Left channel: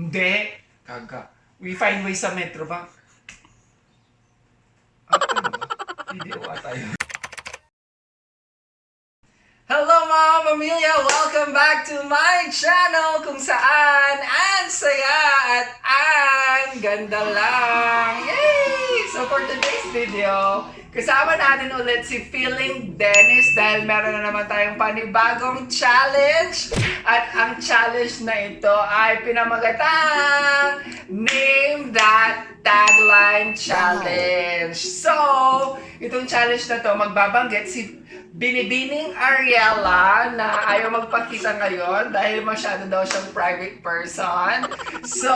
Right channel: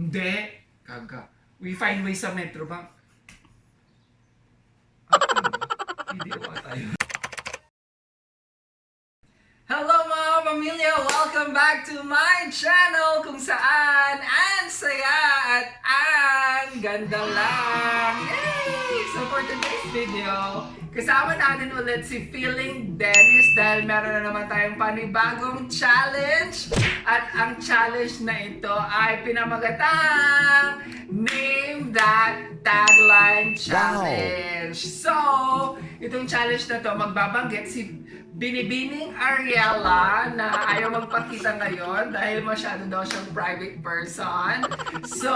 Hindi. Kaga. We find ways sa metro ba? Video tayo. Hello mga pamilya! Welcome back to my channel kung saan ang saya at ang ganda lang! Yay! So for today's video, kasama natin ulit si Feeling Dennis dahil meron na naman tayong panibagong challenge. At ang challenge na ito ay pinamagatang Name That Tagline Challenge. So, itong challenge na to, magbabanggit si Binibining Ariela na ayaw magpakita ngayon dahil masyado daw siyang private person. So,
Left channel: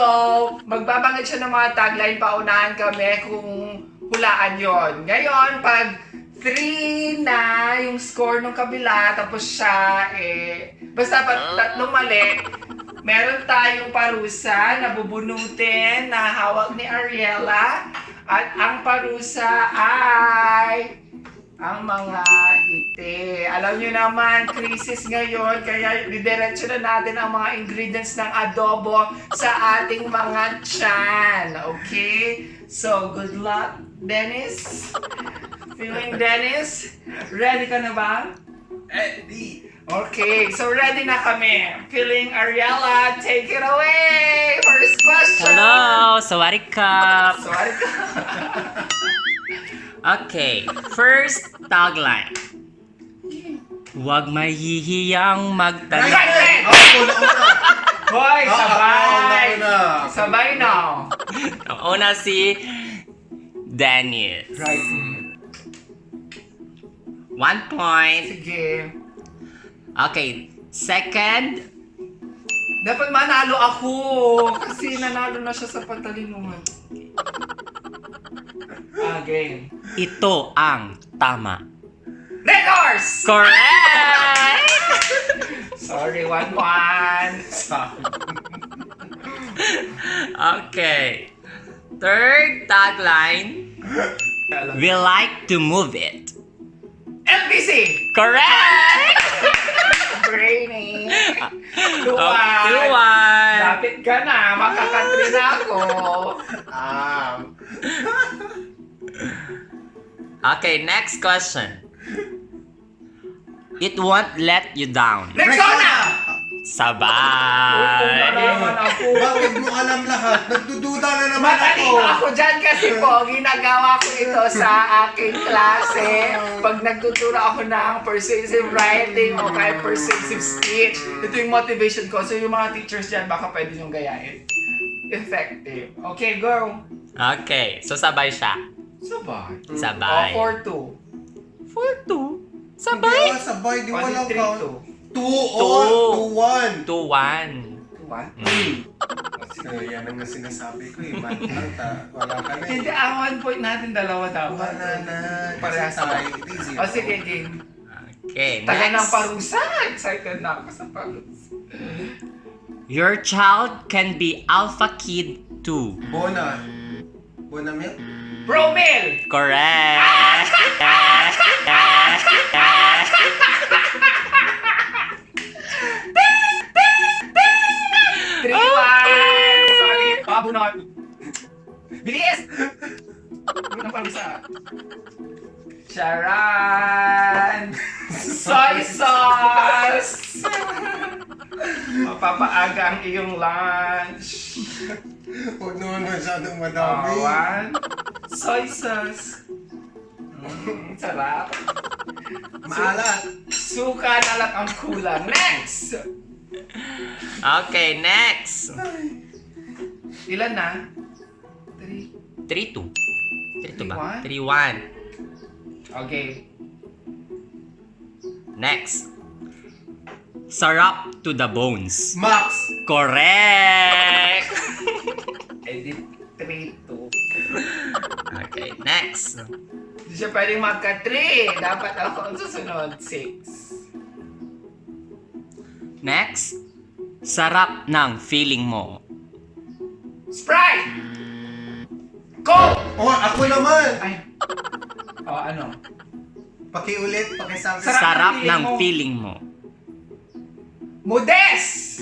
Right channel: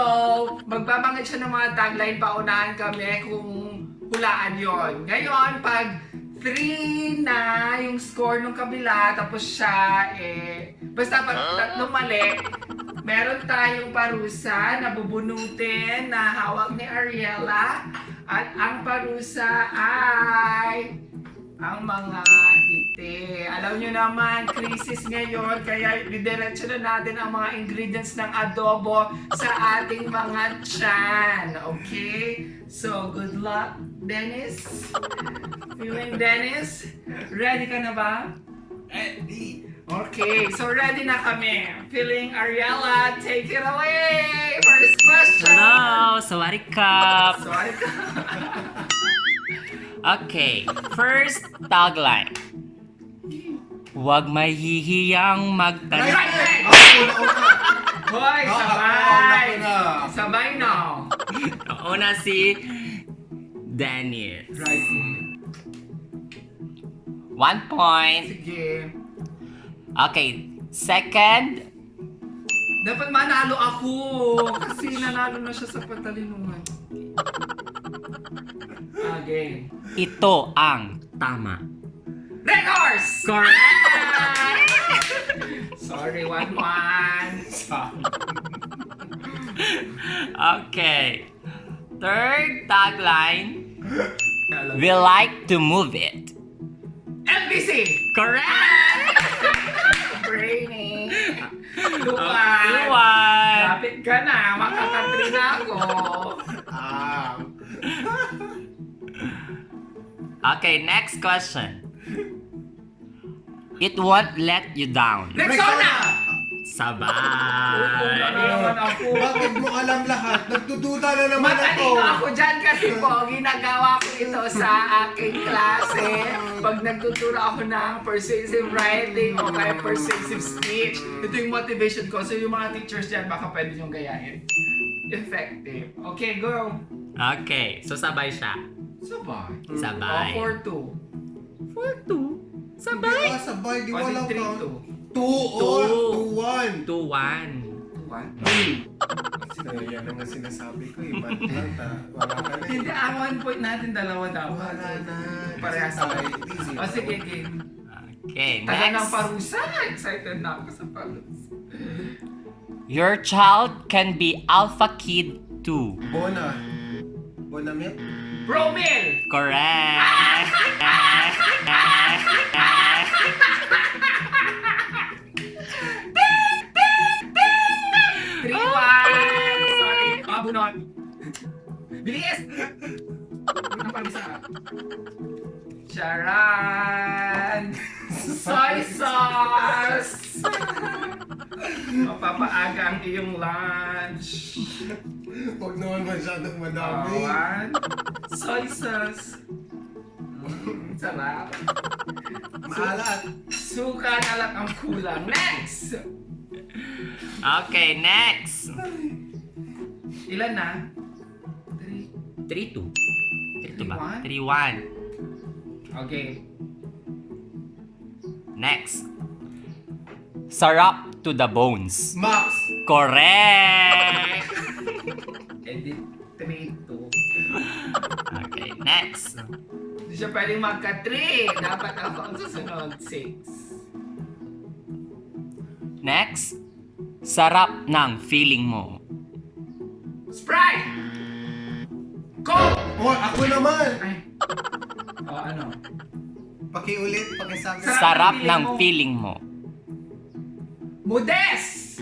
magbabanggit siya ng mga tagline, paunahan kami kung hulaan yon. Ngayon, pag 3 na yung score ng kabila, tapos siya, basta pag tatlong mali, meron tayong parusa na bubunutin na hawak ni Ariela. At ang parusa ay ang mga ngiti. Alam nyo naman, crisis ngayon, kaya didiretso na natin ang mga ingredients ng adobo sa ating mga tiyan. Okay? So, good luck, Dennis. Feeling Dennis? Ready ka na ba? Ready. Okay, so ready na kami. Feeling Ariela, take it away! First question! Hello! Sawadikap! Sorry ka. Okay, first tagline. Huwag mahihiyang magtanong. Right! Hoy, sabay! Sabay na! Ang una si Dennis. Right. 1 point. Sige. Okay, second. Dapat manalo ako kasi nanalo na siya sa patalinuhan. Game. Ito ang tama. Red horse! Correct! Sorry, 1-1. Sorry. Okay. Third tagline. We like to move it. LBC! Correct! Brainy. 2-1. 2-1. Lapit ka na. Makakatri na ako. Okay, next question. It won't let you down. Rexona! Sabay. naman ako. Bakit mo alam lahat? Nagdududa na naman ako. Matalino ako dyan kasi po, ginagawa ko ito sa aking klase. Pag nagtuturo ako ng persuasive writing o kaya persuasive speech, ito yung motivation ko. So yung mga teachers dyan, baka pwede nyo gayahin. Effective. Okay, go. Okay, so sabay siya. Sabay. Sabay. 4-2. 4-2. Hindi Sabay. ka sabay, di O, mo lang 3-2. count. 2-1. 2-1. 2-1. Yan ang sinasabi ko, iman lang wala ka na. Hindi, ang 1 point natin, dalawa dapat. Wala na. Parehas tayo. Easy. O sige, game. Okay, Tagal ng next. parusa. Excited na ako sa parusa. Your child can be alpha kid too. Bona. Bona milk? Bromil! Correct. 3-1! Sorry, pabunot. Bilis! Ano pa isa? Charan! Soy sauce! Mapapaaga ang iyong lunch. Huwag naman masyadong madami. 1. Soy sauce. Sarap. Maalat. Suka na lang ang kulang. Next! Okay, next. Ilan na? 3. 3-2. 3-2 ba? 3-1? 3-1. Okay. Next. Sarap to the bones. Max! Correct. Edit 3-2. Okay, next. Hindi siya pwedeng magka-3. Dapat ako ang susunod. 6. Next. Sarap ng feeling mo. Sprite! Coke! Oh, ako naman. Ay. Ano? Pakiulit, pakisabi. Sarap ng feeling mo. Modest!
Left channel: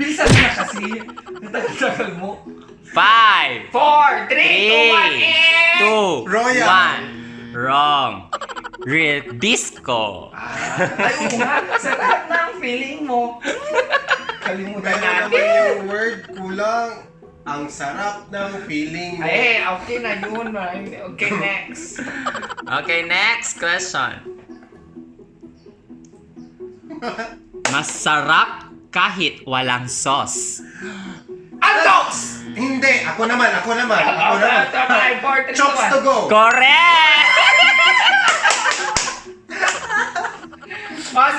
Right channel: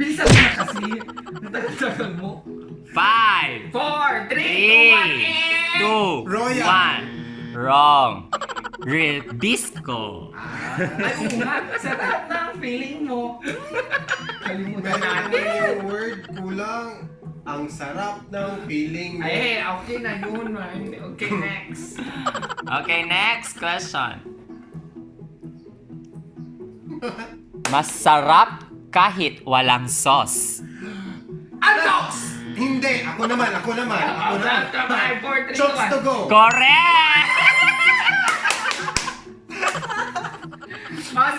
Bilisan mo na kasi. Natagal mo. 5, 4, 3, 2, 1, 2, Royal. 1. Wrong. Ribisco. Ay, oo nga. Sarap ng feeling mo. Kalimutan Meron naman natin. yung word, kulang. Ang sarap ng feeling mo. Ay, okay na yun. Okay, next. Okay, next question. Masarap kahit walang sauce. Antox! Hindi, ako naman. Five, four, three, two, Chokes one. to go. Correct!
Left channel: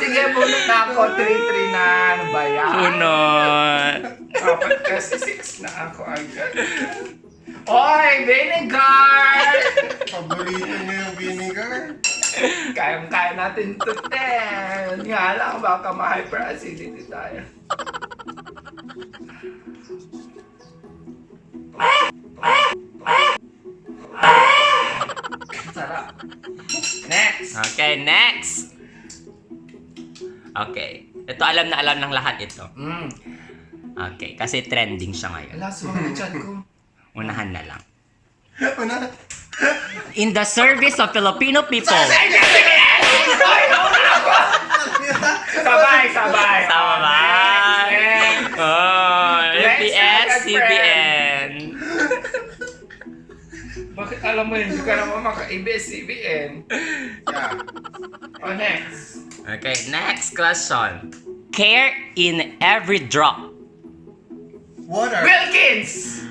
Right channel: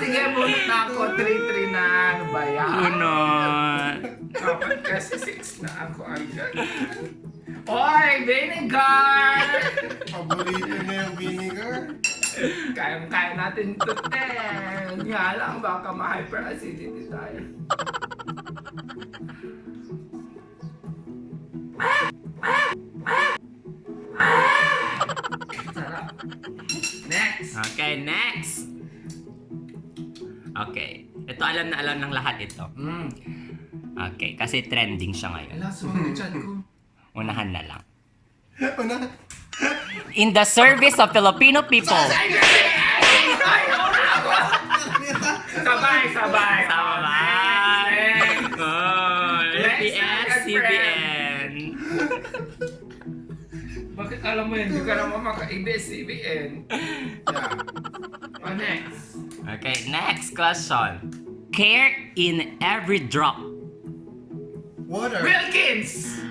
Sige, bunot na ako. 3-3 na. Ano ba yan? Unod. Dapat kasi 6 na ako agad. Oy, vinegar! Paborito niya yung vinegar. Kayang-kaya natin to, ten. Nga lang, baka ma-hyperacidity tayo. Sarap. Next. Okay, next. Okay. Ito alam na alam ng lahat ito. Okay, kasi trending siya ngayon. Wala, sumang na chat ko. Unahan na lang. Una. In the service of Filipino people. Sabay. Sabay. Next. Oh, Next, FPS, second CBN. Bakit alam mo yun? Hindi ka naman maka-ABS-CBN. Yeah. Oh, next. Okay, next question. Care in every drop. Water. Wilkins!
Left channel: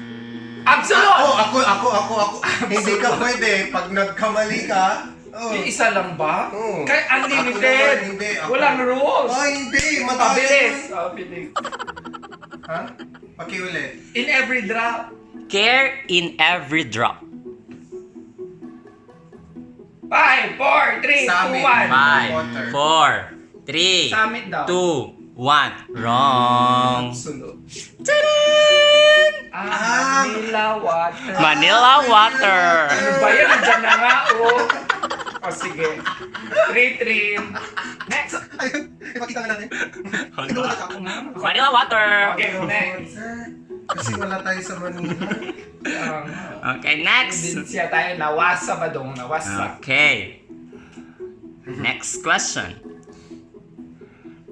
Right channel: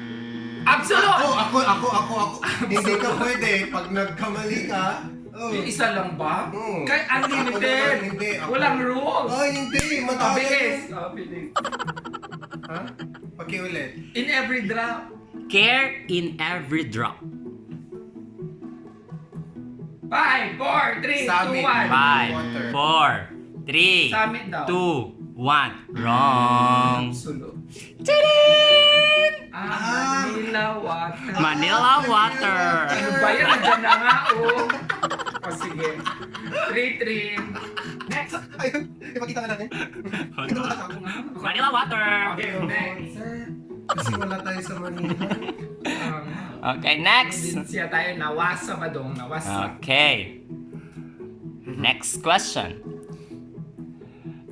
Absolute! Ako. Hindi ka pwede. Pag nagkamali ka, Yung isa lang ba? Oo. Kahit unlimited. Ako naman, hindi. Ako. Walang rules. Ay, hindi. Matagal Pabilis. yun. Bilis. Ha? Pakiulit. In every drop. Care in every drop. 5, 4, 3, 2, 1. Summit. 5, 4, 3, Summit daw. 2, 1. Wrong. Absolute. Tadaan! Manila water. Manila water. Ano ba yan? Nandiyan na nga, oh. O sige. 3-3. Next. Ayun. Ipakita nga natin. Manila water. Okay, next. Sir, kasi wala tayo sa Manila. Okay, next. Din siya tayo nawasa ba dong? Nawasa. Okay. Next question.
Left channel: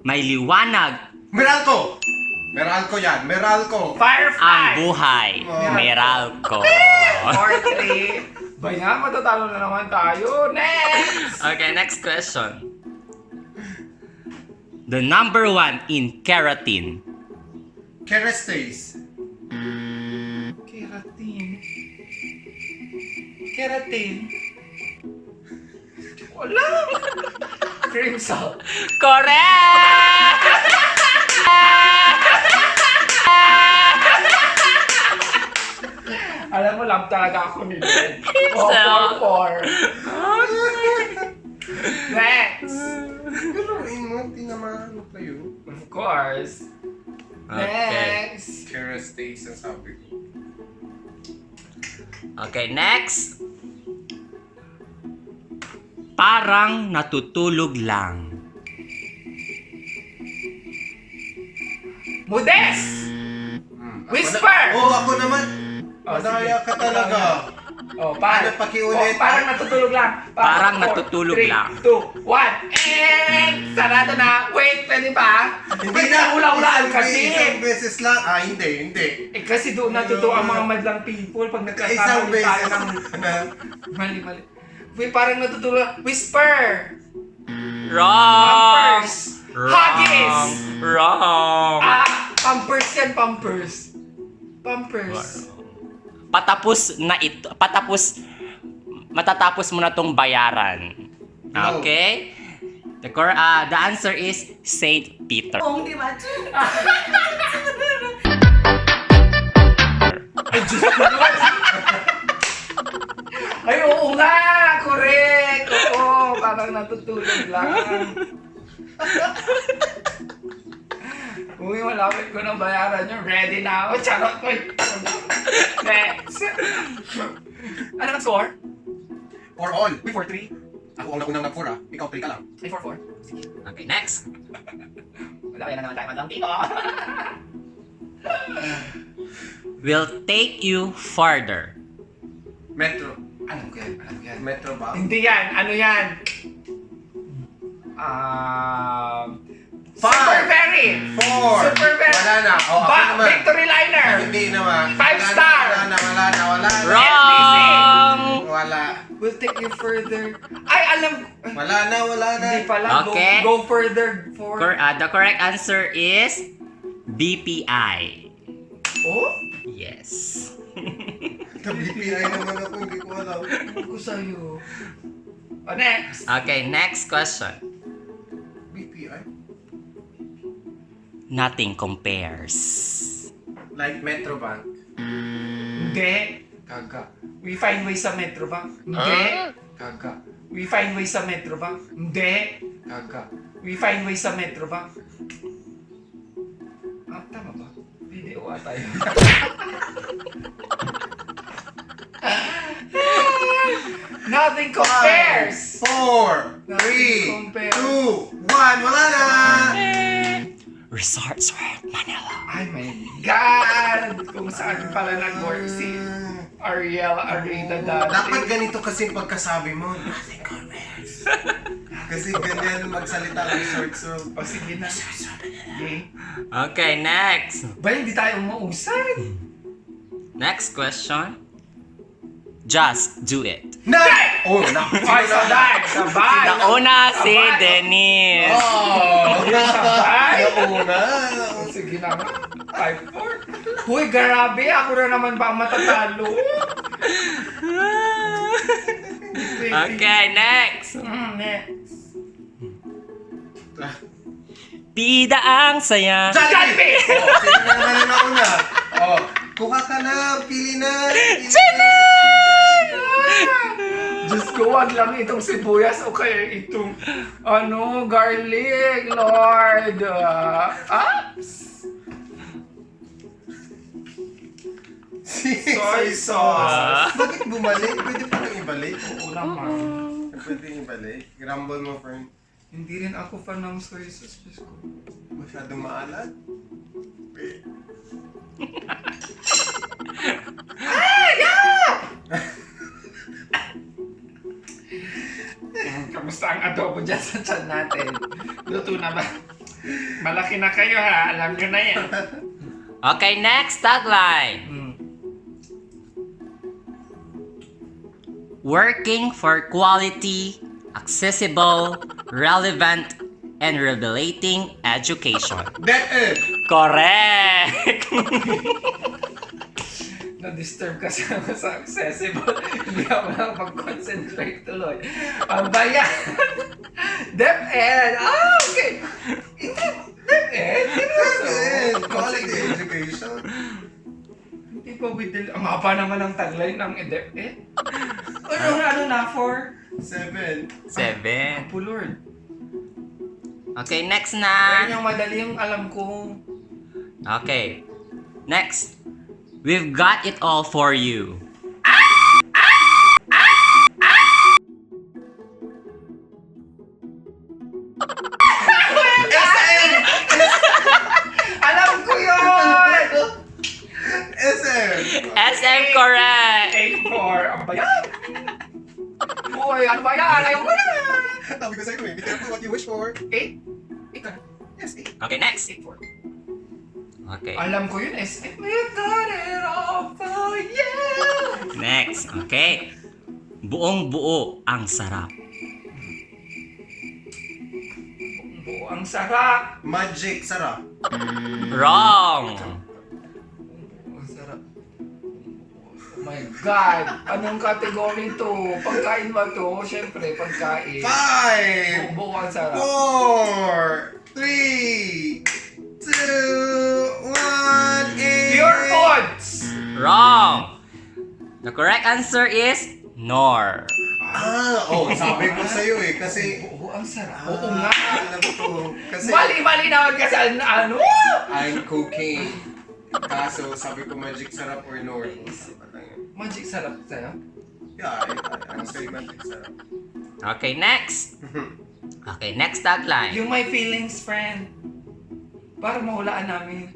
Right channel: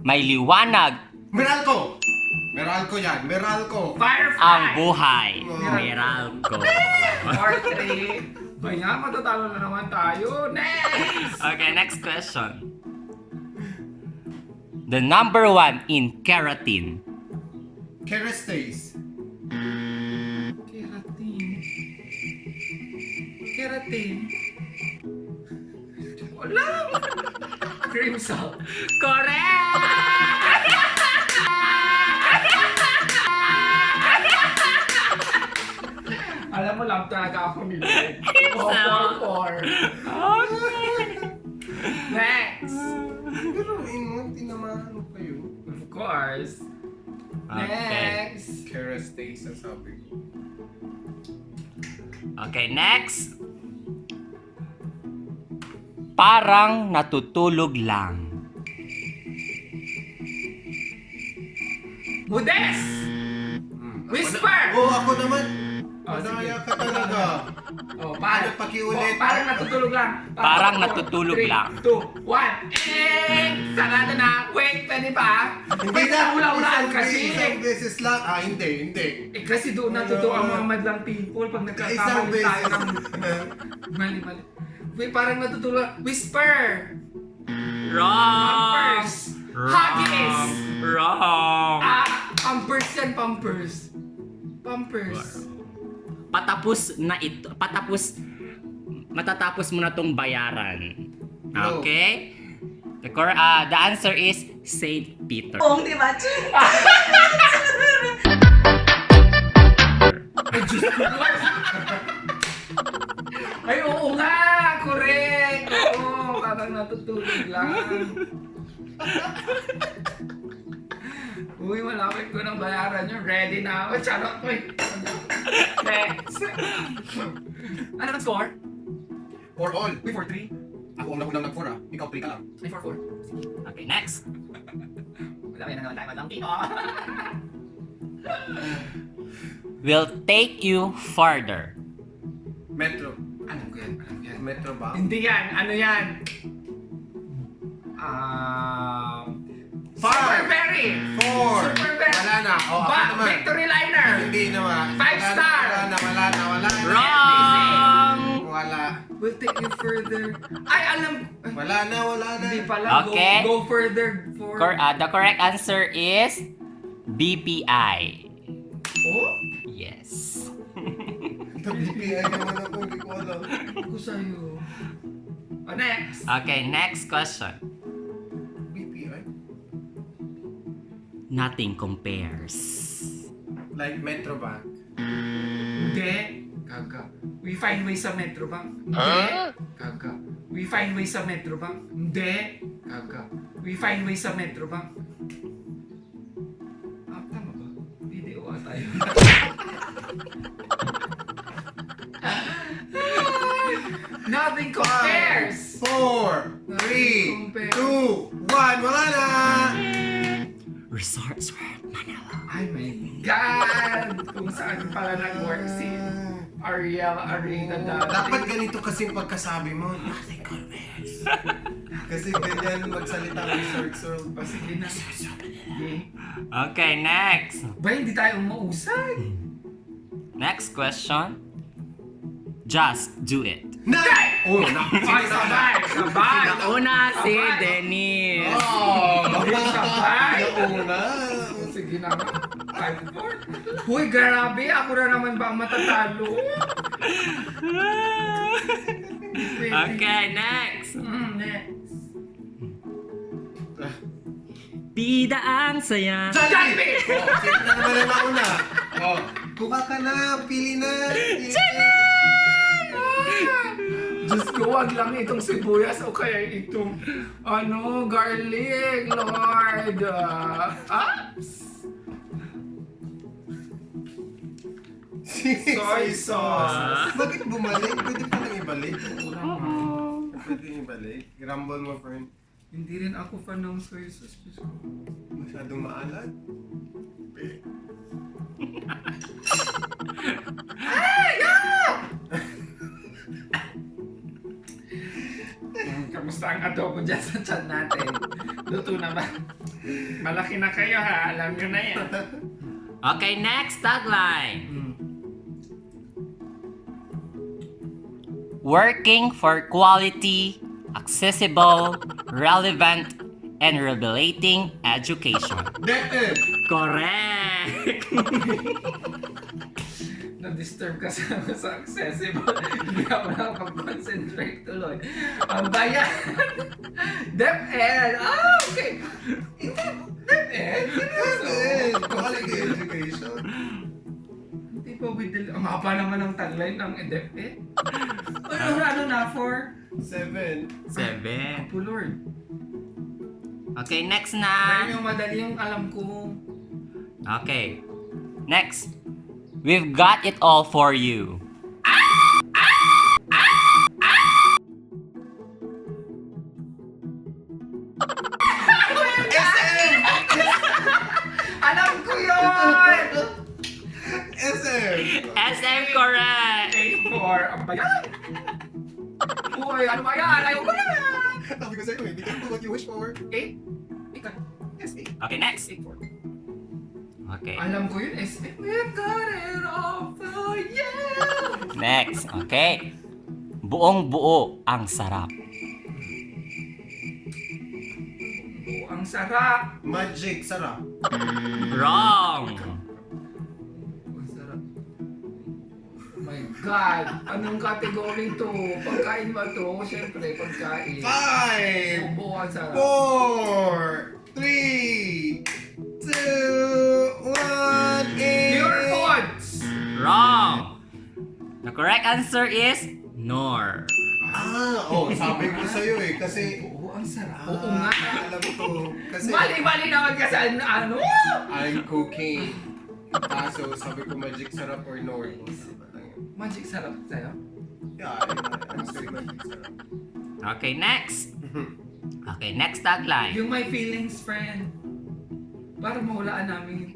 May liwanag Meralco! Meralco yan. Meralco. ang Firefly. buhay. Meralco. 4-3. Ba nga, matatalo na naman tayo. Next. Okay, next question. The number 1 in keratin. Kerastase. Keratin. Wala. Cream salt. Correct! Alam mo, love talaga ako ni Ben. salt. 4-4. Next. Galuin mo, tinamaan mo kayo. Of course. Okay. Next. Kerastase ang sabi ko. Okay, next. Parang natutulog lang. Modest. Whisper. Ako naman. Sige. Madaya ka talaga. Parang Pakiulit. parang natutulog lang. Parang natutulog lang. 3, 2, 1. Sarado na. Wait, pwede pa? Hindi Pwede na. hula-hulaan Isang kasi. Isang beses lang. Hindi. Kasi doon natuto ang mga madlang people pag Isang nagkakamali tayo beses. ng mali. Wait, parang natutulog. Whisper. Wrong! Pampers. Huggies. Wrong! Pampers yan, pampers. Patapos na ito. Matatapos mo na tong bayaran. No. Okay? The answer is Saint Peter. Di ba? Ay, Diyos ko. Ay, oo nga! Correct! Oo, parang natutulog lang. Uy, malapit ko ng bayaran nyo. Ready na ako. Charot ko. Next. Ano ang score? 4 all. Uy, 4-3. Ako ang nakunang nag-4 ah. Ikaw 3 ka lang. Ay, 4-4. Sige. Okay, next. Wala kaya na naman tayo madlang dito. will take you farther. Metro. Alam ko yan, alam ko yan. Metro ba? Hindi yan, ano yan? Five. Super Very! 4. Super Very! Wala na. O, ako naman. Victory Liner! Hindi naman. 5 star! Wala na. Wrong! Wala. Will take you further. Ay, alam! Wala na. Hindi pala. Okay. Go further. The correct answer is BPI. Oh? Yes. Sa BPI naman ako. Hindi ko alam. Ano ko sa'yo? Next. Okay, next question. BPI? Nothing compares. Like Metro Bank. Hindi. Kaga. We find ways sa Metro ba? Hindi. Kaga. We find ways sa Metro ba? Hindi. Kaga. We find ways sa Metro ba? Tama ba? Video ata yun. Nothing compares! 4, 3, Nothing compares. 2, 1. Wala na! Resorts World Manila. Ay my God! Kung saan pala nag-work si Ariel Arida dati. Dapat ganito kasi pagkasabi mo. Nothing compares. Kasi ganyan magsalita ang resorts world. O sige na. Okay. Okay, next. Ba, hindi tayo umausan? Next question. Just do it. Night! Oh, Ay, sabay! Sabay! Nauna si Sabay. Dennis. Oh! Sabay! Nauna! Sige na nga. 5-4. Uy, grabe! Ako na naman ba ang matatalo? Okay, next. Next. Bida ang saya. Jollibee! Oh, sige na naman yung nauna. Oh, kuha ka na. Pili na. Diyos ko, wag lang itong sibuyas o kaya itong garlic, Lord. Soy sauce. Bakit bumalik? Pwede pa lang ibalik. Wala man. Pwede ibalik. Grumble mo, friend. Hindi rin ako fan ng soy sauce. Diyos ko. Masyadong maalat. Kamusta ang adobo dyan sa chan natin? Luto na ba? Malaki na kayo ha, alam nyo na yan. Okay, next tagline. Working for quality, accessible, relevant, and revelating education. That is. Correct! Na-disturb kasi ako sa accessible. Hindi ako nakapag-concentrate tuloy. Ang bayan! DepEd! Okay! Hindi, DepEd? Seryoso? Quality education. Hindi pa ang haba naman ng tagline ng DepEd. Ano na for? 7. 7. Po Lord. Okay, next na. Ayun yung madali yung alam ko. Okay. Next. We've got it all for you. Alam ko yun! SM. SM correct! 8-4. Ang bayan! Uy, ano ba yan? Ayaw ko na! Sabi ko sa'yo, be careful what you wish for. 8? Yes, 8. Okay, next. 8-4. Okay. Alam ko yun, SM. We've got it all for you! Next. Okay. Buong buo ang sarap. Oh, ang sarap! Magic, sarap. Wrong! Ang sarap. Oh my God! Anong category to? Pagkain ba to? Siyempre, pagkain. 5, Buo ang sarap. 4, 3, 2, 1, Pure foods! Wrong! The correct answer is nor. Sabi ko sa'yo kasi... Oo, ang sarap. Oo nga. Alam ko. Kasi Mali-mali naman kasi ano? I'm cooking. Kaso sabi ko magic sarap or nor. Magic sarap sarap. Yeah, I'm saying magic sarap. Okay, next. Okay, next tagline. Yung my feelings, friend. Para mahulaan namin.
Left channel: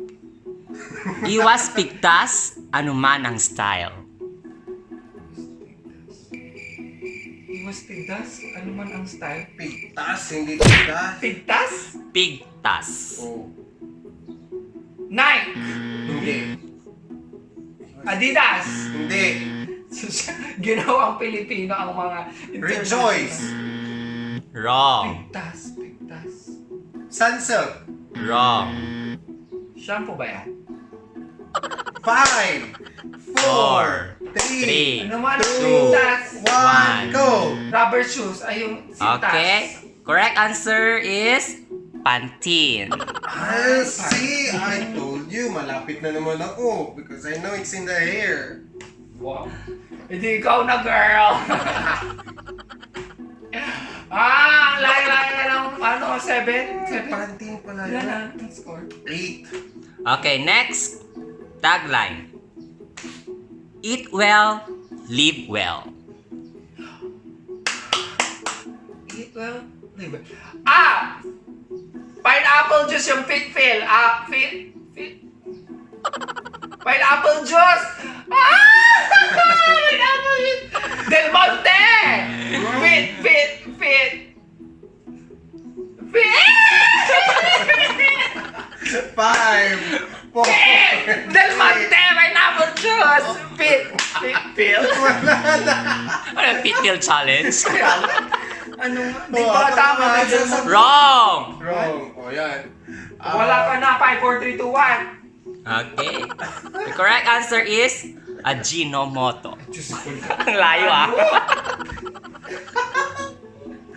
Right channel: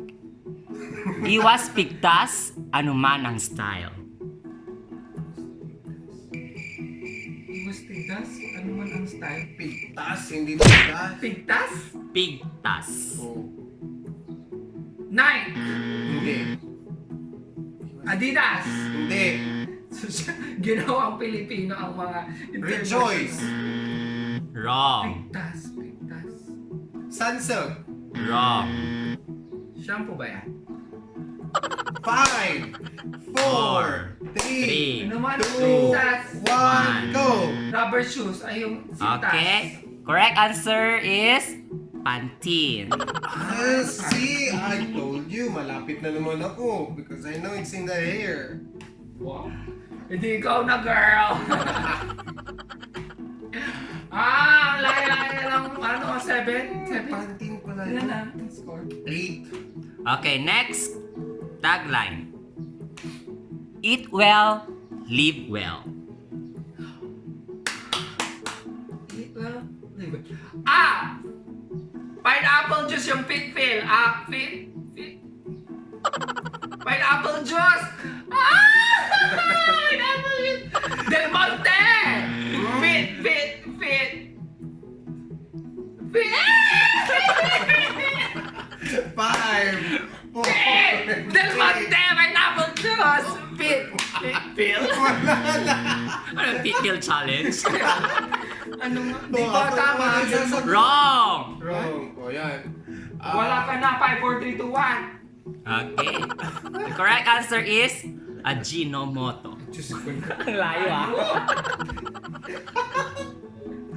Iwas pigtas, anuman ang style. Iwas pigtas? Ano man ang style? Pigtas, hindi pigtas. Pigtas? Pigtas. Oh. Nike! Hindi. Adidas! Hindi. Ginawang Pilipino ang mga Rejoice. Wrong. Pigtas. Sunsilk. Wrong. Shampoo ba yan? 5, 4, 3, Ano man ang Two. pigtas? 1, go! Rubber shoes ay yung sintas. Okay. Correct answer is Pantene. Ah, see, I told you, malapit na naman ako because I know it's in the hair. Wow. Hindi ikaw na, girl. Ang layo-layo na lang, 7? Pantene pala Ilan yun. na ang score? 8. Okay, next. Tagline. Eat well, live well. Eat well, live well. Pineapple juice yung fit. Pineapple juice! Pineapple juice! Del Monte! Fit. 5, 4. Del Monte! Pineapple juice! Fit. Wala na. Ano yung pit pill challenge? Ano nga? Di ba tama? Del Monte. Wrong! Wrong. O, yan. Wala ka na. 5, 4, 3, 2, 1. Okay. The correct answer is Ajinomoto. Ang layo ah.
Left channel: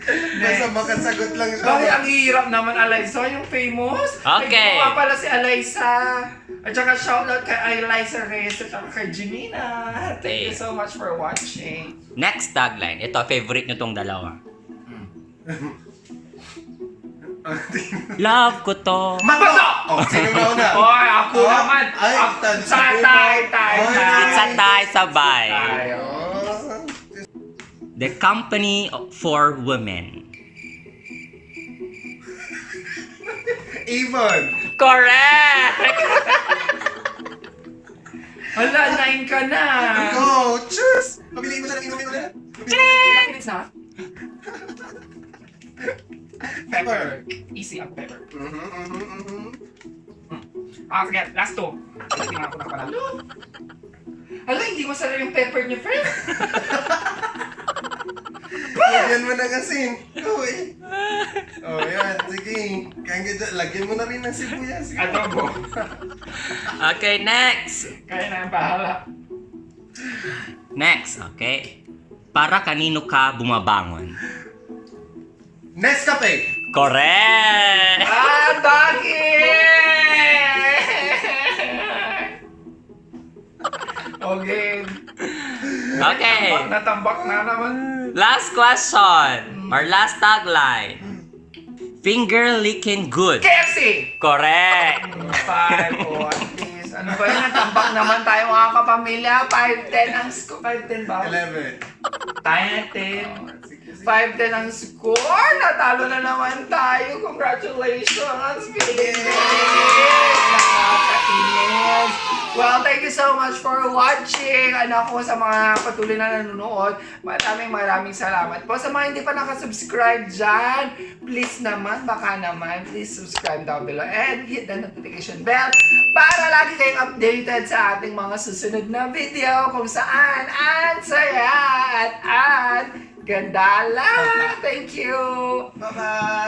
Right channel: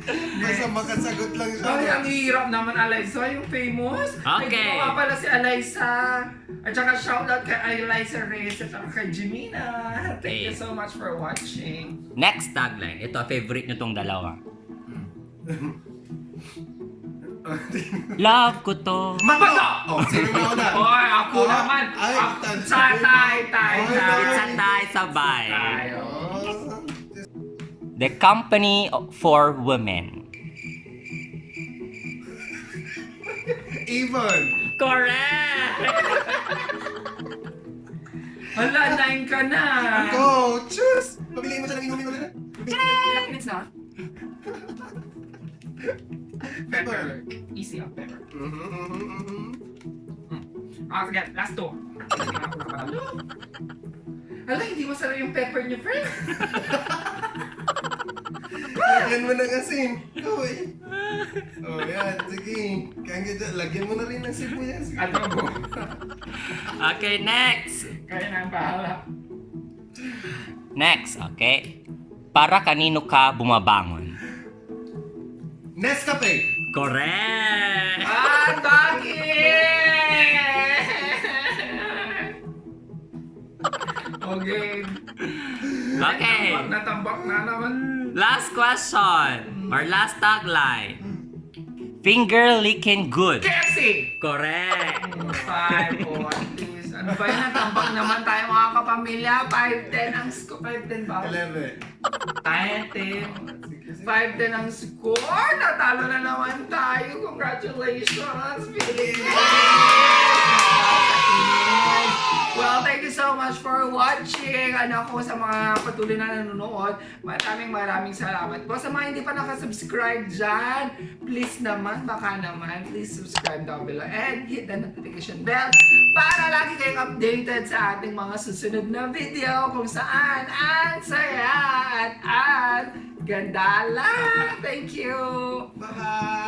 Basta makasagot lang siya. Bakit ang hirap naman, Eliza? Yung famous? Okay. Nagbuka pala si Eliza. At saka shoutout kay Eliza Reyes at saka kay Jimena. Thank you so much for watching. Next tagline. Ito, favorite nyo tong dalawa. Love ko to. Mako! Oh, sino na una? Hoy, ako Oh, naman. ay, Tay. It's a tie sabay. Tayo. The company for women. Even. Correct! Hala, 9 ka na. Go! Choose! Pabiling mo siya ng inumin ulit. Ilang minutes na? Pepper. Easy ang pepper. Mhm. Sige, last 2. Tingnan ko na pala. Hala, hindi masarap yung pepper niyo, friend. Lagyan mo ng asin. Go eh. Oh, yan. Sige. Lagyan mo na rin ng sibuyas. Adobo. Okay, next. Kaya na ang bahala. Next, okay. Para kanino ka bumabangon? Nescafe. Correct! Bakit? Okay. Okay. Natambak na naman. Last question. Or last tagline. Finger licking good. KFC! Correct. 5, at least. Ano ba yun? Natambak naman tayo mga kapamilya. 5-10 ang score. 5-10 ba? 11. 10. 5-10 ang score. Natalo na naman tayo. Congratulations, Philippines! Nakakainis. Well, thank you so much for watching. Anak ko, sa mga patuloy na nanonood, maraming salamat po. Sa mga hindi pa nakasubscribe dyan, please naman, baka naman, please subscribe down below and hit the notification bell para lagi kayong updated sa ating mga susunod na video kung saan ang saya at ganda lang. Thank you! Bye-bye.